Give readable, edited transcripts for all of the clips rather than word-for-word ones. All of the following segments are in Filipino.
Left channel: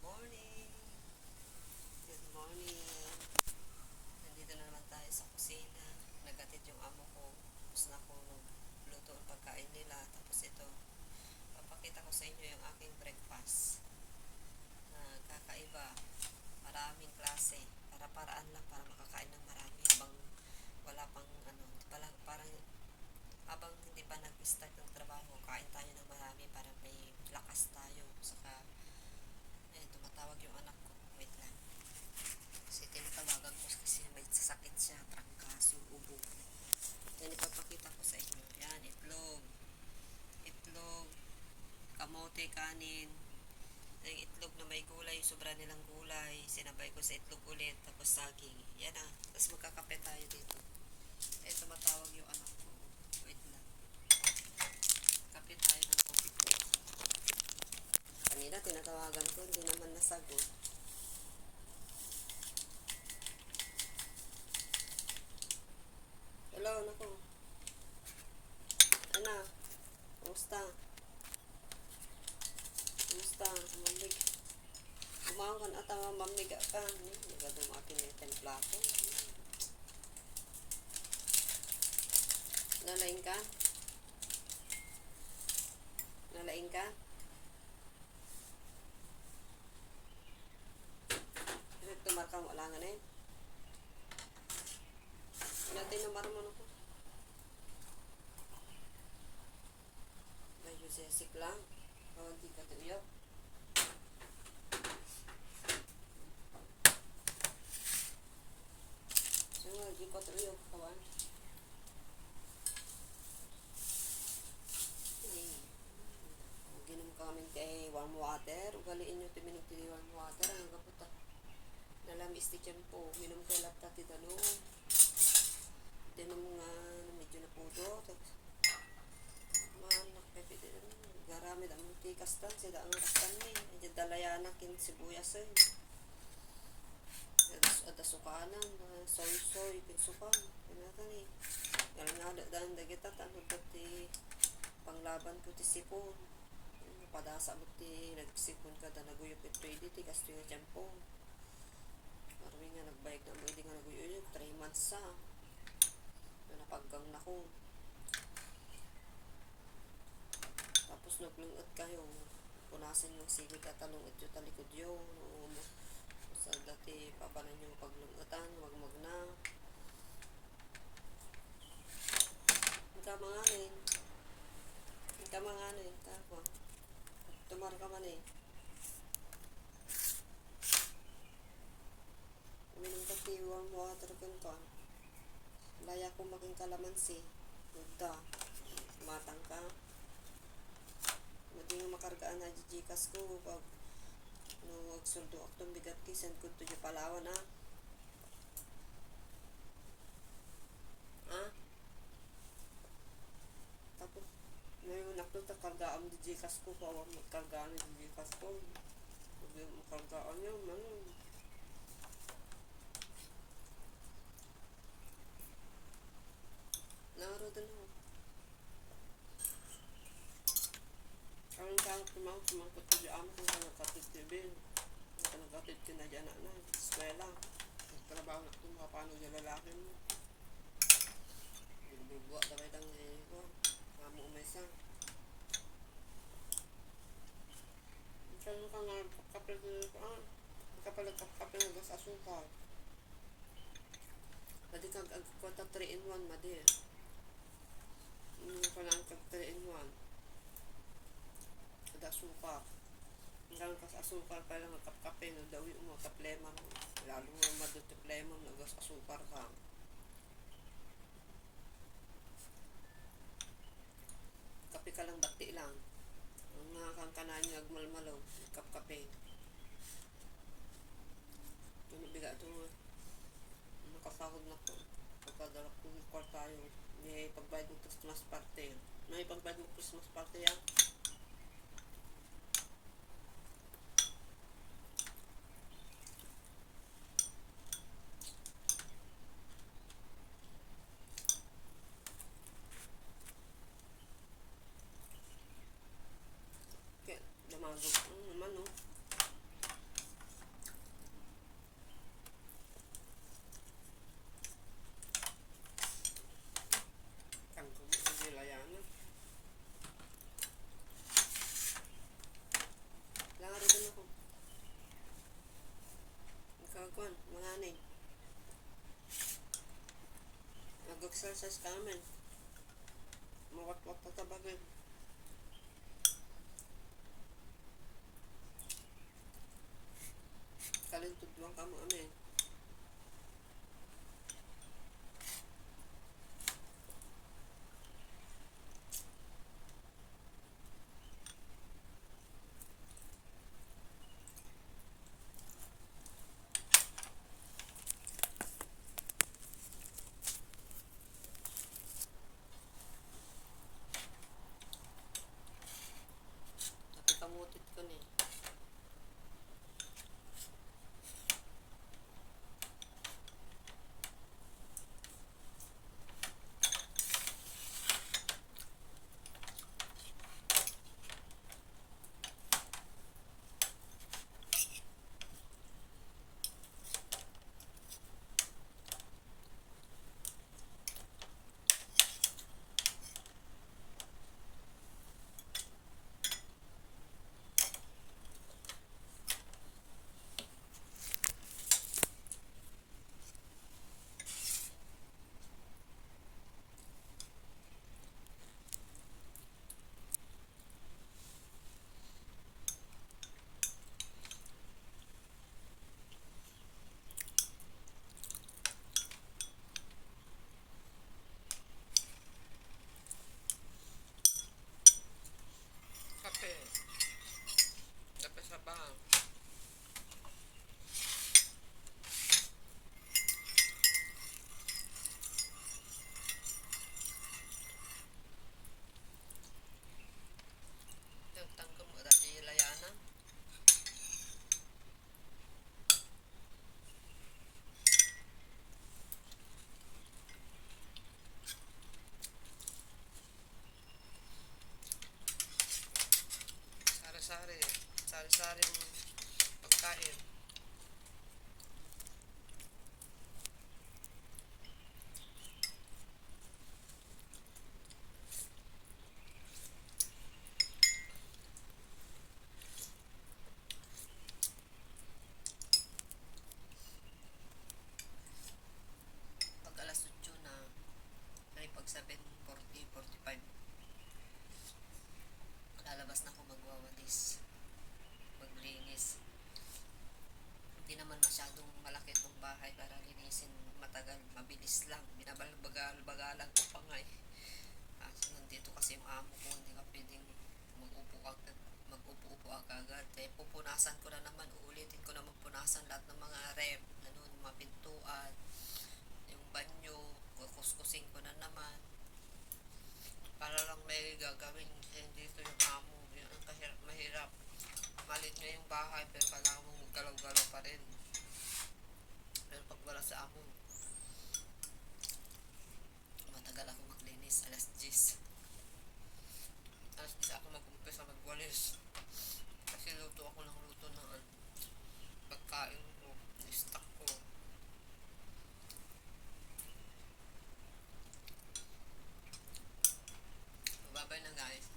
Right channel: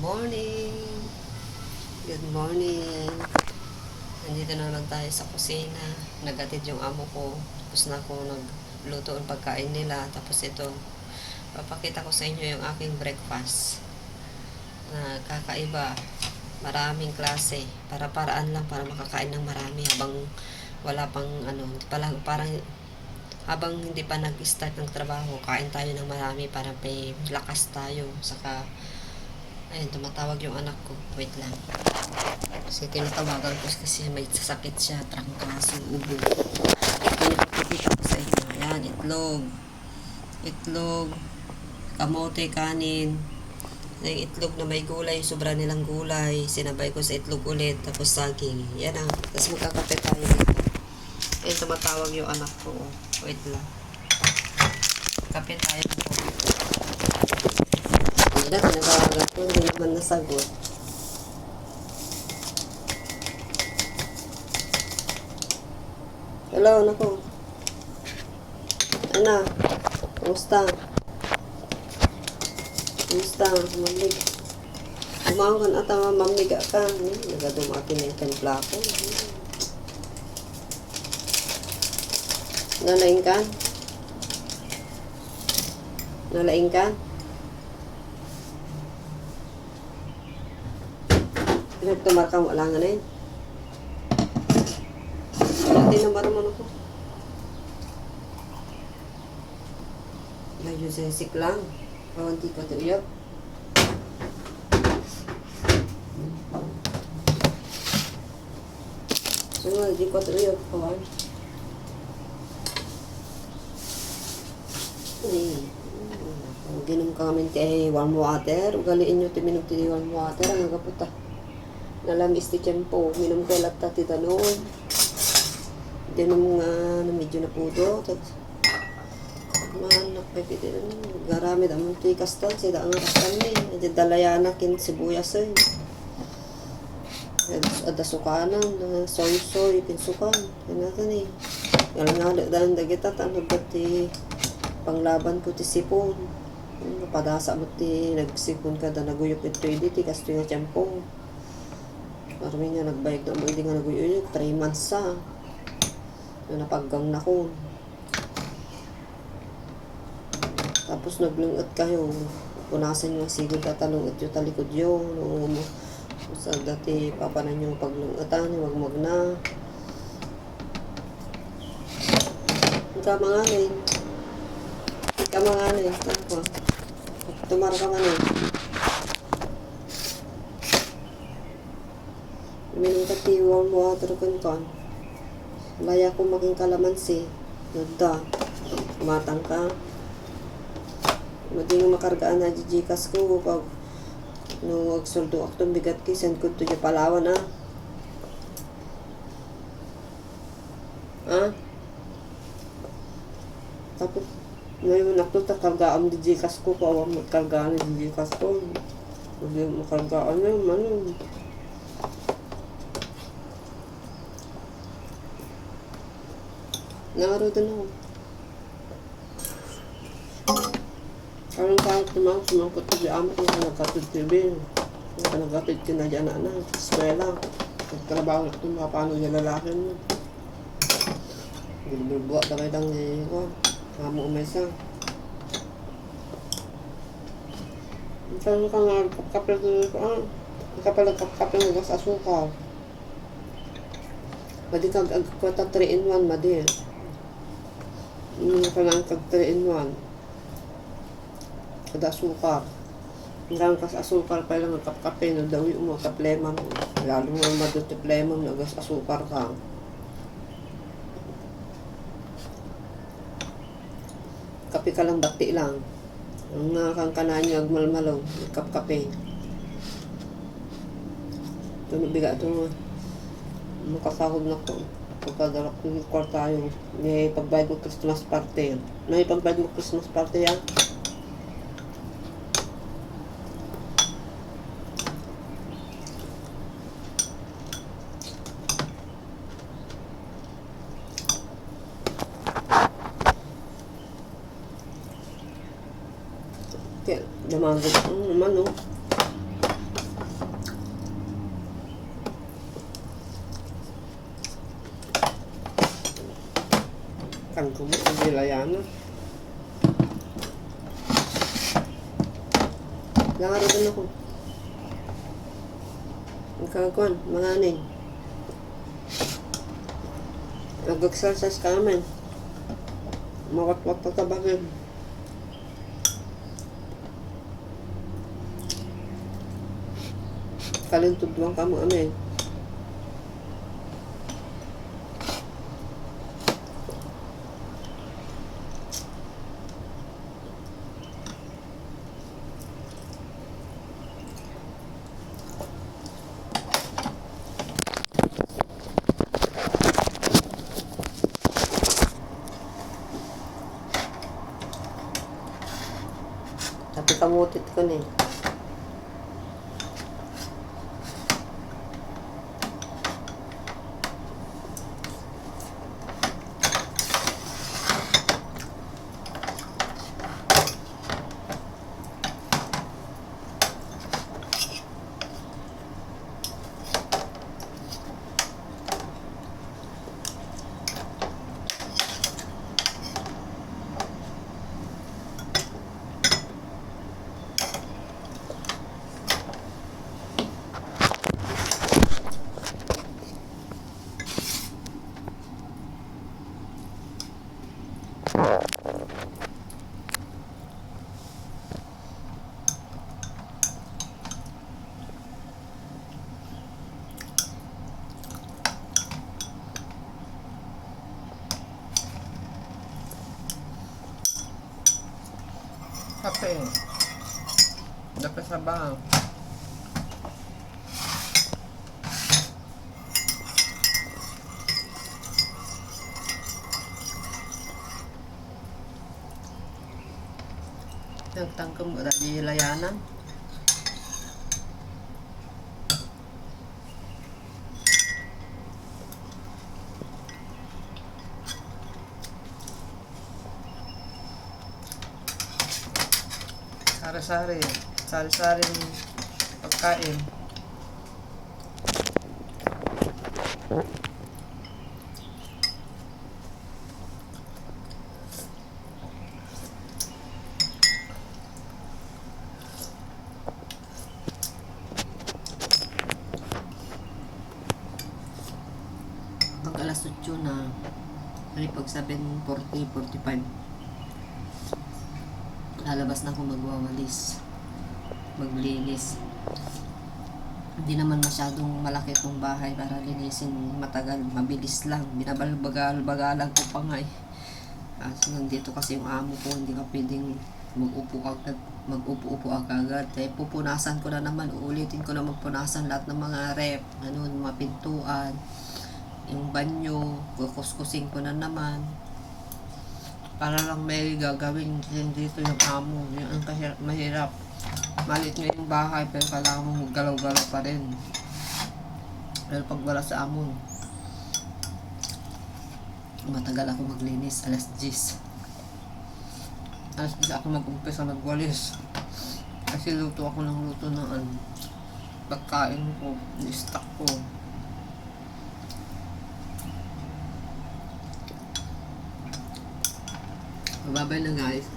Morning! Good morning! Nandito na naman tayo sa kusina. Nagatid yung amo ko. Tapos na ako nagluto ang pagkain nila. Tapos ito, papakita ko sa inyo yung aking breakfast. Na kakaiba. Maraming klase. Para-paraan lang para makakain ng marami habang wala pang parang habang hindi pa nag-start ng trabaho, kain tayo ng marami para may lakas tayo. Saka ayun, tumatawag yung anak ko. Wait lang. Kasi tinatawagan ko kasi may sasakit siya. Trangkaso, ubo. Pinapakita ko sa inyo. Ayan, itlog. Itlog. Kamote, kanin. Yung itlog na may gulay. Sobra nilang gulay. Sinabay ko sa itlog ulit. Tapos saging. Yan ang. Tapos magkakape tayo dito. Ayun, tumatawag yung anak ko. Wait lang. Kape tayo po. Hindi na, tinawagan ko, hindi naman nasagot. Hello, naku. Ana, kumusta? Kumusta? Mamig. Umawan at mamiga ka. Nagadumati na yung templa ko. Nalaing ka? Nalaing ka? Nagtumar ka mo lang na yun. Hindi naman naman ako. Layo sensik lang. Pawanti ko ito iyok. Sunod, di ko ito iyok. Pawan. Ginom ka kami kay warm water. Ugaliin nyo ito minom ito warm water. Ang nagaputa. Nalamis ti tiyempo, minom ko lata ti tanon. Hindi nung medyo napudo. Mahanak pa piti. Garamid amon ti kastan. Sida ang rastan ni. Medyo dalayana kin sibuyas eh. Ada sukanan. Soy-soy. Pinsukan. Yan natin eh. Yan nga daan dagita. Tanong ba ti panglaban ko ti sipon. Padasa mo ti nagsipon ka. Da naguyok ito ti kasto nga tiyempo. Marami nga nagbayag na mo, hindi nga nag-uyuyok. 3 months sa. Napaggang na ko. Tapos naglungot kayo. Punasan nyo ang sigod at talungot yung talikod yun. Sa dati, papanan nyo paglungotan, wag na. Ika mga rin. Ika mga rin. Tumara ka man eh. Minum ka ti warm water kan. Laya ko maging kalamansi. Nagda. Matang ka. Madi nga makargaan na jijikas ko. Pag no agsuldo ako itong bigat ki. Send ko ito yung Palawan ah. Ah? Tapos ngayon ako takargaan jijikas ko. Pawang magkargaan na jijikas ko. Madi makargaan na yung Naro doon ako. Karang kahit sumangkot ko di amo kung nagkatid TV. Kung nagkatid ka na dyan na eskwela. Nagtrabaho na ito mga paano yung lalaki mo. Bilbilbuwa na kayo lang ko. Kamo umesa. Saan ka nga kapil ko kapil ng gas asukal. Madi kag agkwata 3-in-1 madi. Kanang kag 3-in-1. Kada asukar. Hanggang kas asukar pa lang kapkape no dawi mo kaplema mo. Lalo nga madot plema mo nagas asukar ka. Kape ka lang bati lang. Ang kang kananyo agmalmalong kapkape. Tunubiga ito makasahod na ko. Pagkadalak ko yung kwarta yung may pagbayad mo Christmas party. May pagbayad mo Christmas party yan. Kaya, damagod. Naman, no? Tangko mo sa Gilayana. Langaro din ako. Magkakakuan, mga aning. Nag-exercise ka namin. Mawat-wat na tabagin. Kalintod lang ka mo amin. Tapi kamutit ko na eh. Kape. Dapat sa bang. Nagtangkam mo dahil layanan. Sari-sari pagkain. Pag alas 8 na, pag 7:40, 45, lalabas na ako magwawalis, maglinis. Hindi naman masyadong malaki itong bahay para linisin, matagal, mabilis lang, binabalbagal-bagalan ko pa nga eh. So nandito kasi yung amo ko, hindi ka pwedeng mag-upo-upo agad. Kaya pupunasan ko na naman, uulitin ko na magpunasan lahat ng mga rep, mga pintuan, yung banyo, kukuskusin ko na naman. Para lang may gagawin din dito yung amo. Yun ang mahirap. Malit nga yung bahay pero kailangan mong galaw-galaw pa rin. Pero pag wala sa amo, matagal ako maglinis. Alas 10 ako mag-umpisa magwalis. Kasi luto ako ng luto ng pagkain ko, stock ko. Mababay na guys.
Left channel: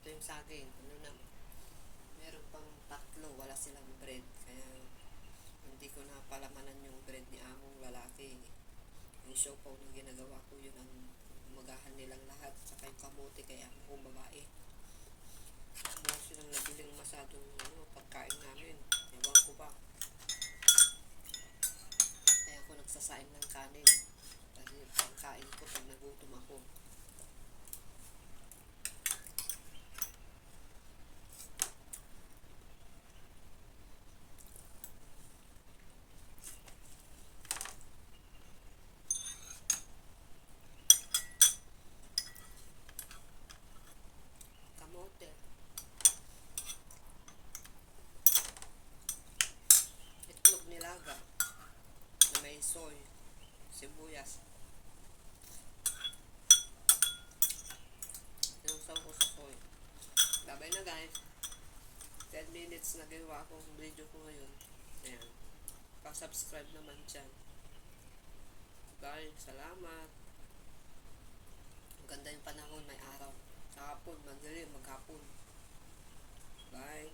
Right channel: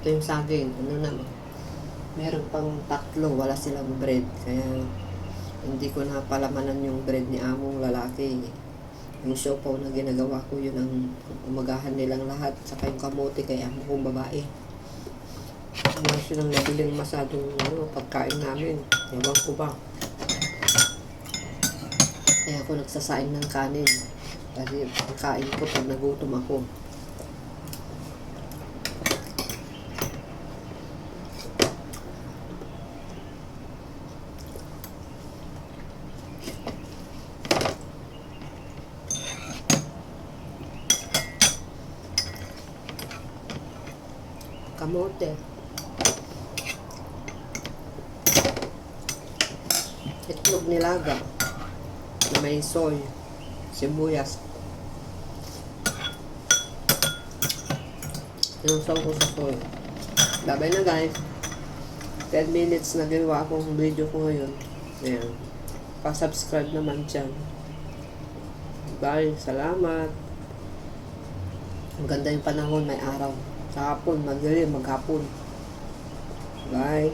Ito yung saging. Ano naman? Meron pang 3. Wala silang bread. Kaya hindi ko napalamanan yung bread ni among lalaki. Yung siopaw na ginagawa ko, yun ang umagahan nilang lahat. Saka yung kamote kay amo kong babae. Wala silang nabiling masadong pagkain namin. Ewan ko ba. Kaya ako nagsasaing ng kanin. Kasi pagkain ko pag nagutom ako. Kamote. Itlog nilaga na may soy, sibuyas. Inusaw ko sa soy. Babay na guys. 10 minutes na ginawa akong video ko ngayon. Ayan. Pa-subscribe naman dyan. Bye. Salamat. Maganda yung panahon, may araw. Sa hapon, madilim, maghapon. Bye.